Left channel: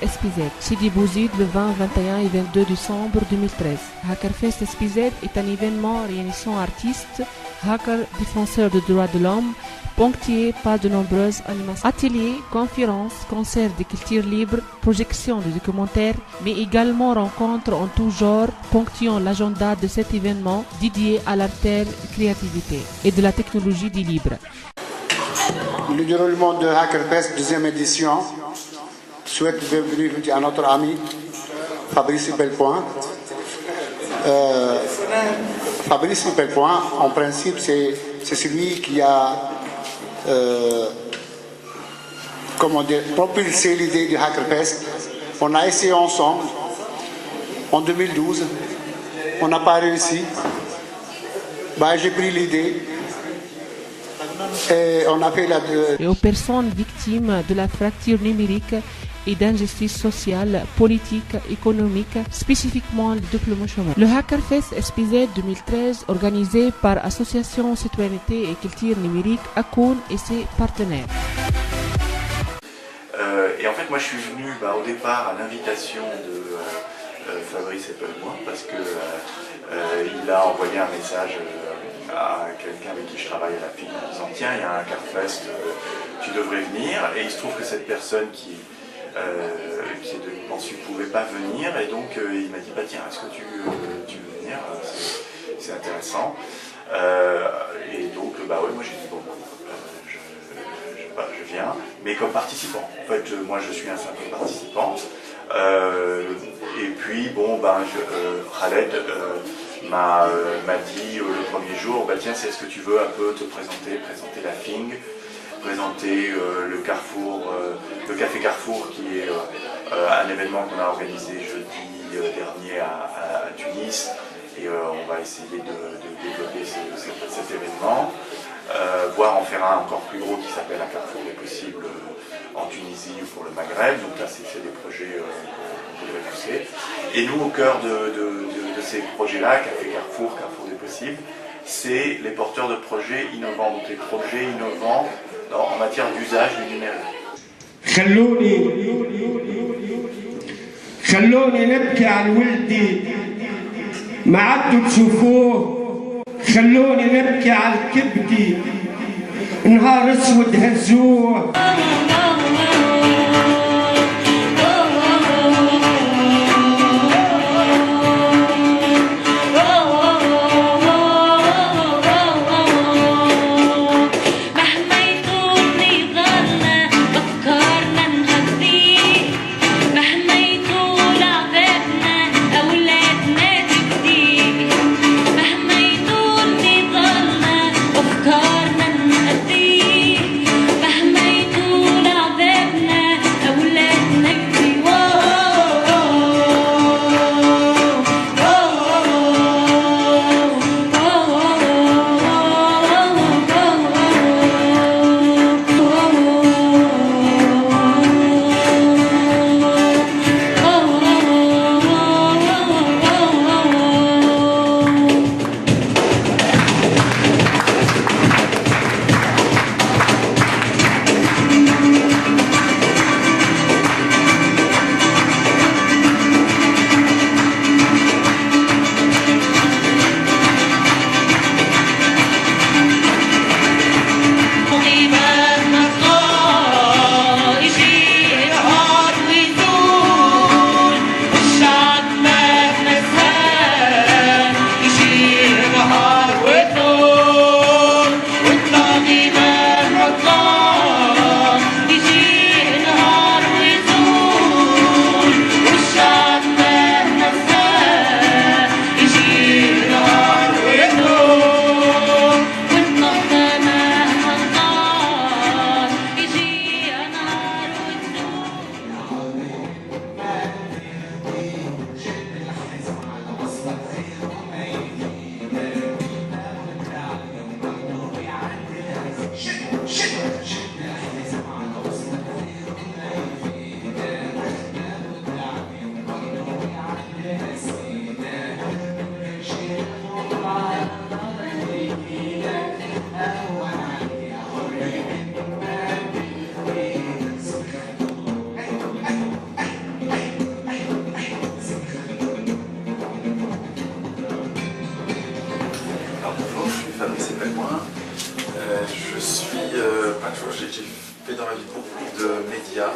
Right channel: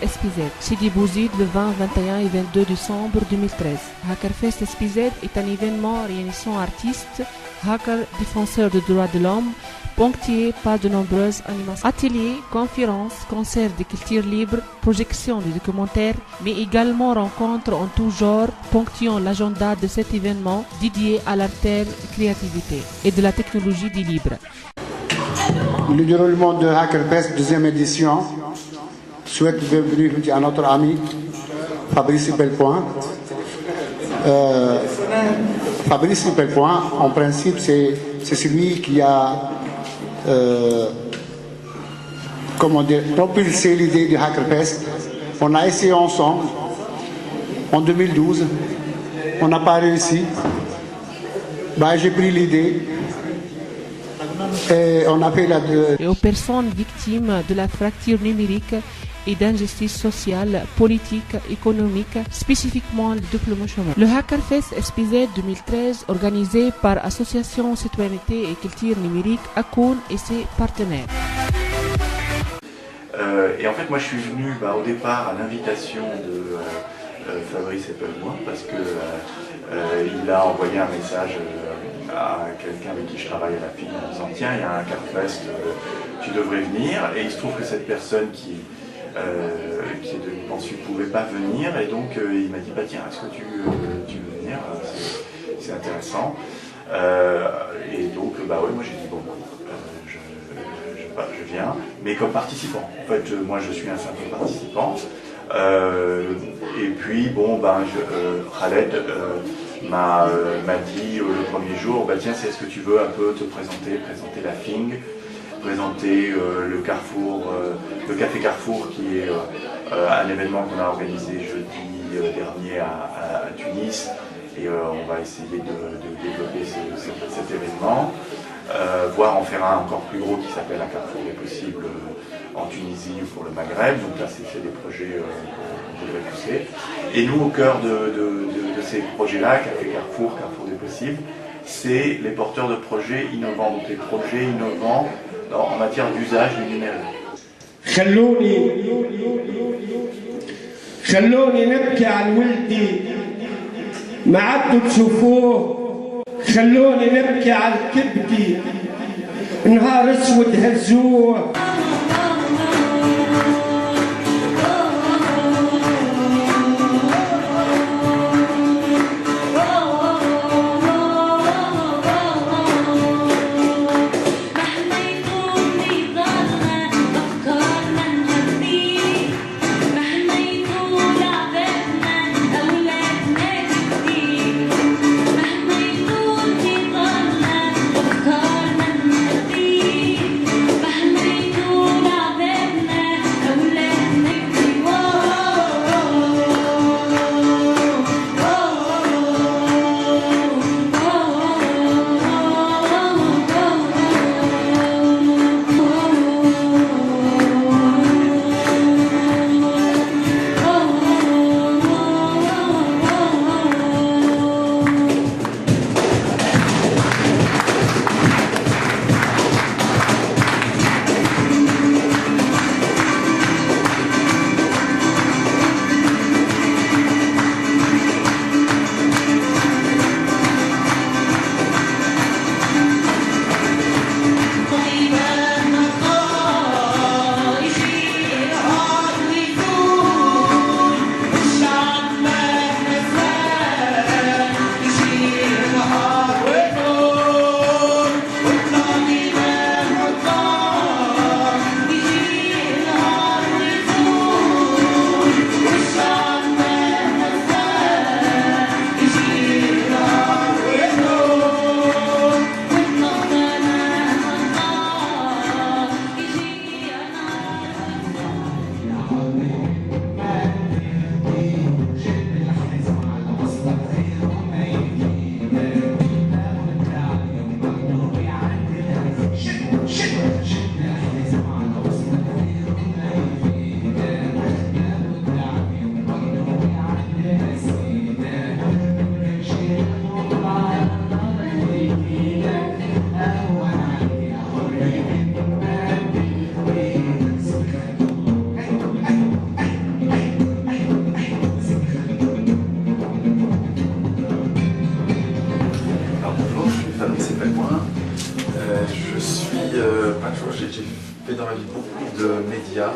SPZ. Sidi Bouzid le 20, 21 et 22 décembre 2013. Hackerfest SPZ est un événement réunissant artistes, hackers, défenseurs des droits de l'homme, ponctué par de nombreuses animations. Ateliers, conférences, concerts de culture libre, projections de documentaires, mais également rencontres en tout genre ponctuant l'agenda de cet événement dédié à l'artère créativité et de la technologie du libre. Le déroulement de Hackerfest, deuxième édition, souhaite de bienvenue à notre ami Fabrice Belpoint. Fabrice Belpoint, en principe, c'est celui qui a propulsé l'idée du Hackerfest. On a essayé ensemble en 2012, on n'a pas réussi. J'ai pris l'idée. Et aux personnes victimes de la fracture numérique et d'injustice sociale, politique, économique, spécifiquement le double chômage. Le Hackerfest SPZ 2013, organisé par Association Citoyenneté et Culture Numérique, ACON et ses partenaires. Et en fait, moi je suis venu au départ à l'invitation de Fabrice Belpoint parce qu'il a envoyé un message à quelqu'un avec qui je travaille à la FIN en disant tiens, il y a un Hackerfest, tu devrais venir. Et il se trouve que cette personne qui est de Liban Sud ne pouvait pas venir, et donc il m'a dit tiens, est-ce que tu veux venir, c'est intéressant. Et donc moi j'ai dit je viens, mais comme participant. En fait, moi je suis un simple participant. Et puis Khaled m'a dit le premier jour, tiens, est-ce que tu veux un peu te présenter la FING, présenter le Carrefour, le Café Carrefour, qui est un événement qu'on a organisé jeudi dernier à Tunis, et on va essayer de développer cet événement, voire en faire un encore plus gros qui s'appelle un Carrefour des possibles en Tunisie pour le Maghreb. Donc là, c'est des projets qu'on devrait pousser. Et nous, au cœur de ces projets-là, Café Carrefour des possibles, c'est les porteurs de projets innovants, donc les projets innovants en matière d'usage du numérique. خلوني نبكي عن ولدي ما عدتوا تشوفوه، خلوني نبكي عن كبدي نهار اسود هزوه. beaucoup de médias,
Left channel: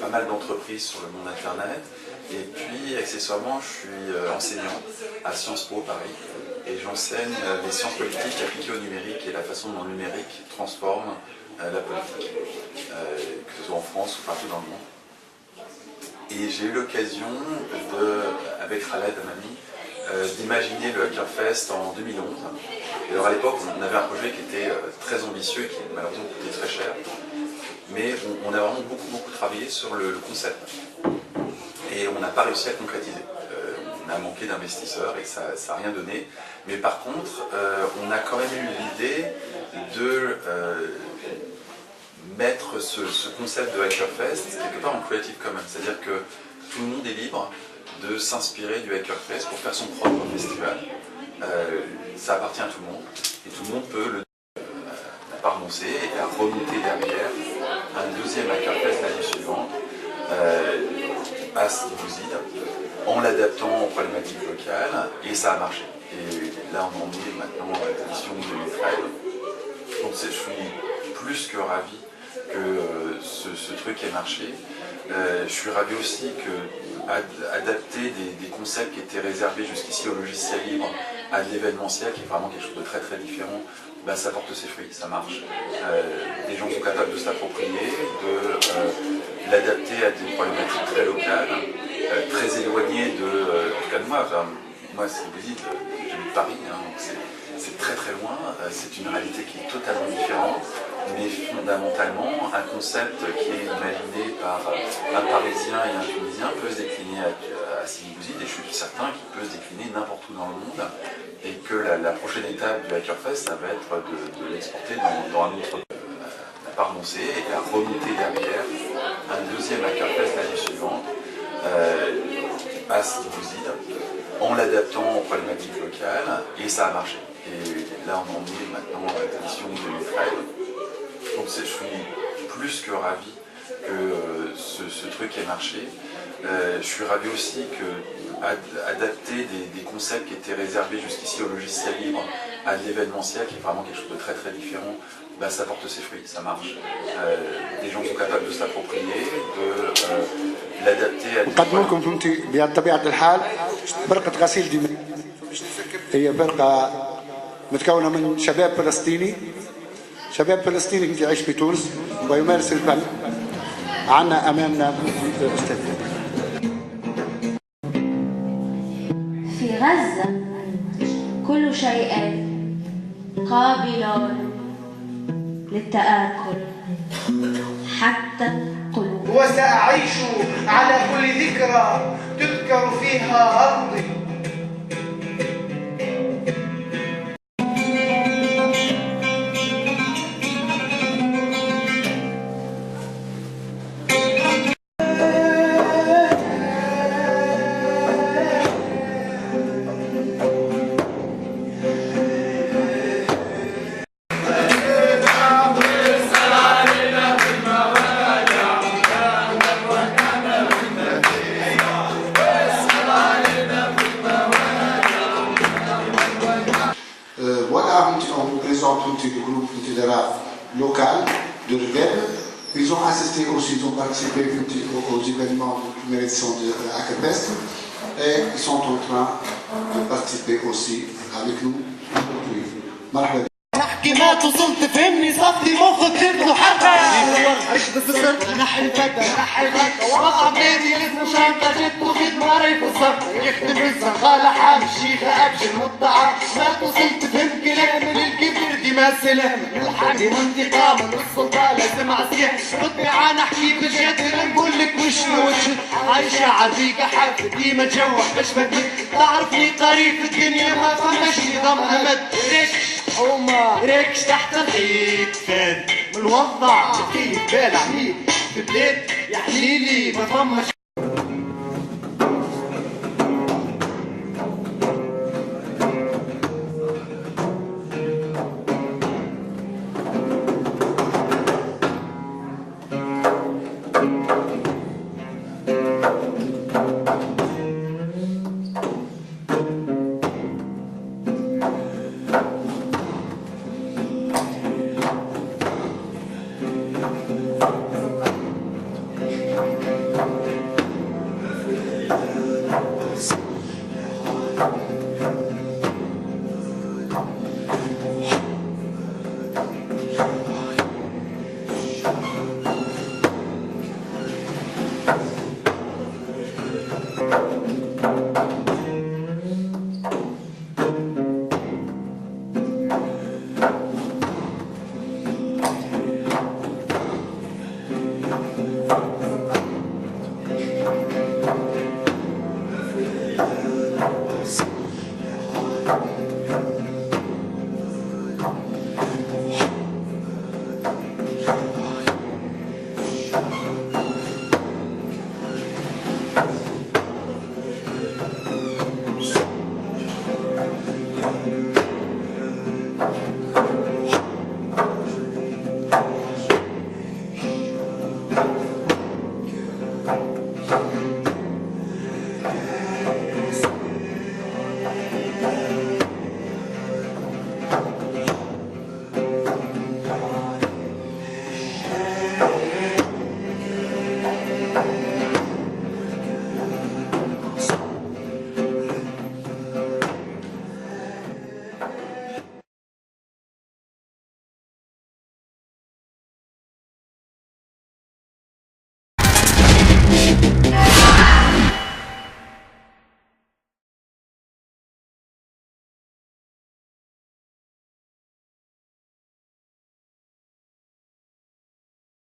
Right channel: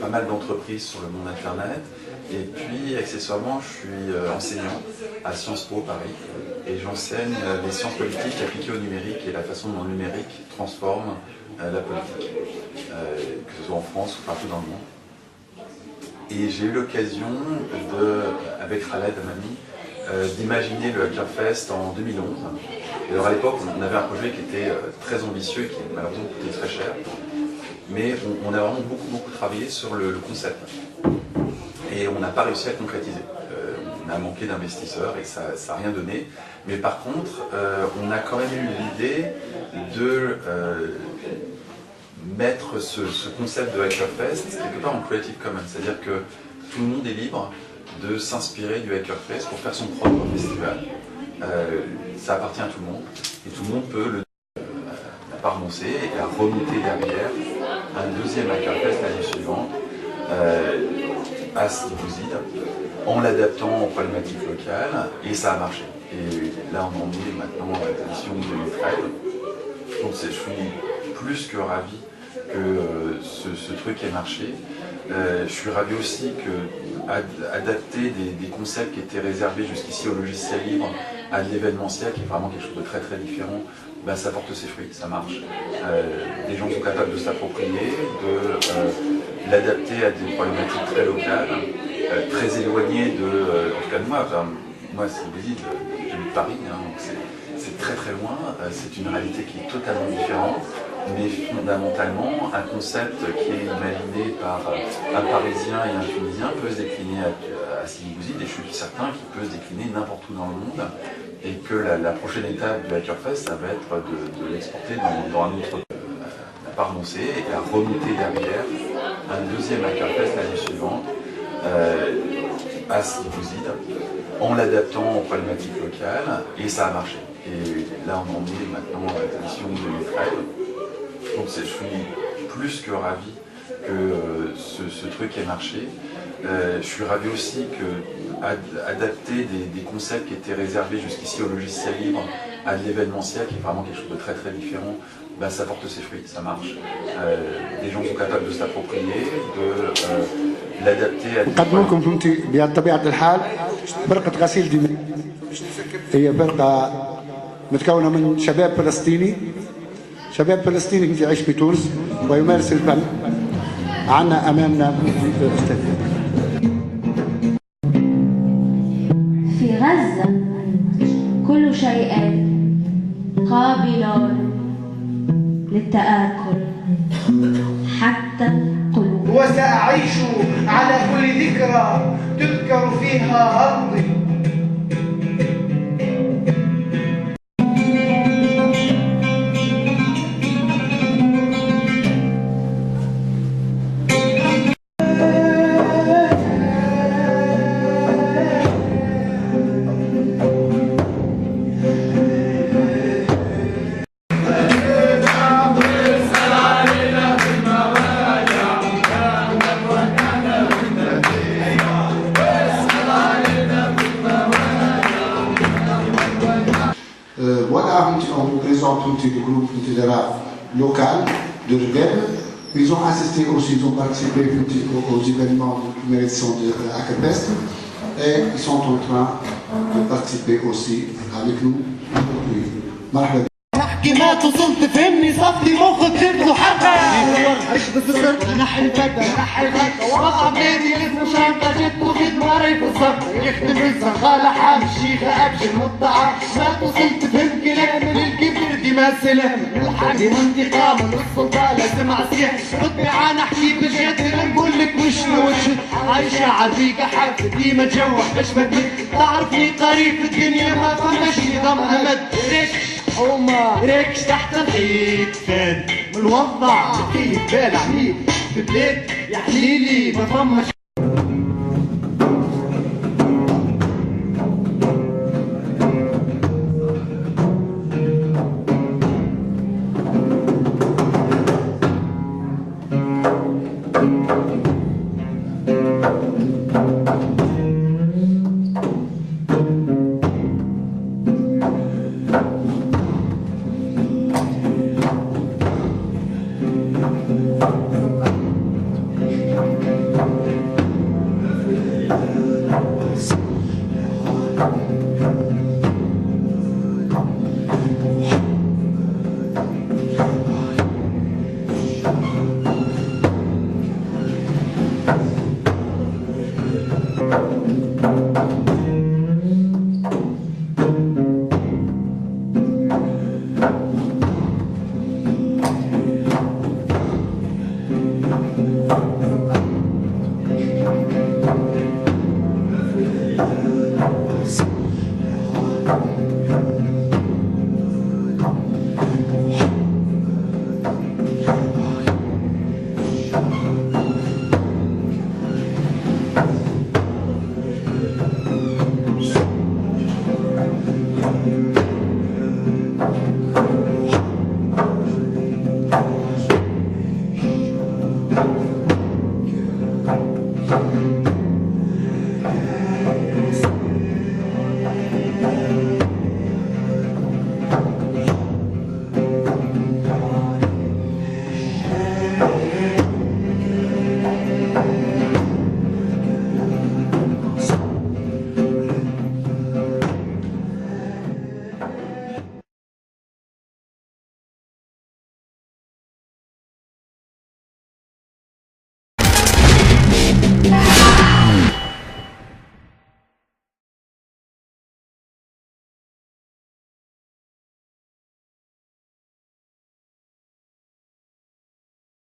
pas mal d'entreprises sur le monde internet. Et puis, accessoirement, je suis enseignant à Sciences Po Paris et j'enseigne les sciences politiques appliquées au numérique et la façon dont le numérique transforme la politique, que ce soit en France ou partout dans le monde. Et j'ai eu l'occasion, avec Khaled Amami, d'imaginer le Hackerfest en 2011. Et alors à l'époque, on avait un projet qui était très ambitieux et qui malheureusement coûtait très cher. Mais on a vraiment beaucoup travaillé sur le concept. Et on n'a pas réussi à concrétiser. On a manqué d'investisseurs et ça n'a rien donné. Mais par contre, on a quand même eu l'idée de mettre ce concept de Hackerfest quelque part en Creative Commons. C'est-à-dire que tout le monde est libre de s'inspirer du Hackerfest pour faire son propre festival. Ça appartient à tout le monde. Et tout le monde peut ne pas renoncer et à remonter derrière un deuxième Hackerfest l'année suivante à Sidi en l'adaptant aux problématiques locales, et ça a marché. Et là, on en est maintenant à l'édition 2013. Donc, je suis plus que ravi que ce truc ait marché. Je suis ravi aussi que adapter des concepts qui étaient réservés jusqu'ici au logiciel libre à l'événementiel, qui est vraiment quelque chose de très différent, ça porte ses fruits, ça marche. Les gens sont capables de s'approprier, de l'adapter à des problématiques très locales, très éloignées de moi. Moi, c'est une ville de Paris, hein, c'est très loin, c'est une réalité qui est totalement différente, mais fondamentalement, un concept qui est imaginé par un Parisien et un Tunisien peut se décliner à Sidi Bouzid, et je suis certain qu'il peut se décliner n'importe où dans le monde, et que la prochaine étape du Hackerfest, ça va être de l'exporter dans un autre pays. À pas renoncer et à remonter derrière un deuxième Hackerfest l'année suivante à Sidi Bouzid, en l'adaptant aux problématiques locales, et ça a marché. Et là, on en est maintenant à l'édition 2013. Donc, je suis plus que ravi que ce truc ait marché. Je suis ravi aussi que adapter des concepts qui étaient réservés jusqu'ici au logiciel libre à l'événementiel, qui est vraiment quelque chose de très différent, ça porte ses fruits, ça marche. Les gens sont capables de s'approprier, de l'adapter à des... نقدمكم فهمتي بطبيعة الحال فرقة غسيل دماء. هي فرقة متكونة من شباب فلسطيني يعيش في تونس ويمارس الفن. عنا أمامنا في غزة كل شيء قابل للتآكل حتى القلوب. وسأعيش على كل ذكرى تذكر فيها أرضي. Voilà, on vous présente un petit groupe local de rebelles. Ils ont assisté aussi, ils ont participé aux événements de première édition de Hackerfest et ils sont en train de participer aussi avec nous aujourd'hui. مرحبا. احكي ما تصلت فهمني صفي مخك تبدو حتى عيش بصرت نحي البدا وقع بيدي اسمه شنطة جت وخد ماري في الصف يخدم الزغالة حام الشيخة أبشر مطعم ما تصلت فهم كلامي للكبر دي ما سلام الحاجة وانتقام السلطان لازم عصيح ربي عن احكي بجد نقول لك مش عايشة عريقة حافة ديما جوع باش بدك تعرفني قريب في الدنيا ما فماش نظام أمد وما ريكش تحت الحيط فين منوضع فيه بال عميد في بلاد يا حليلي ما فماش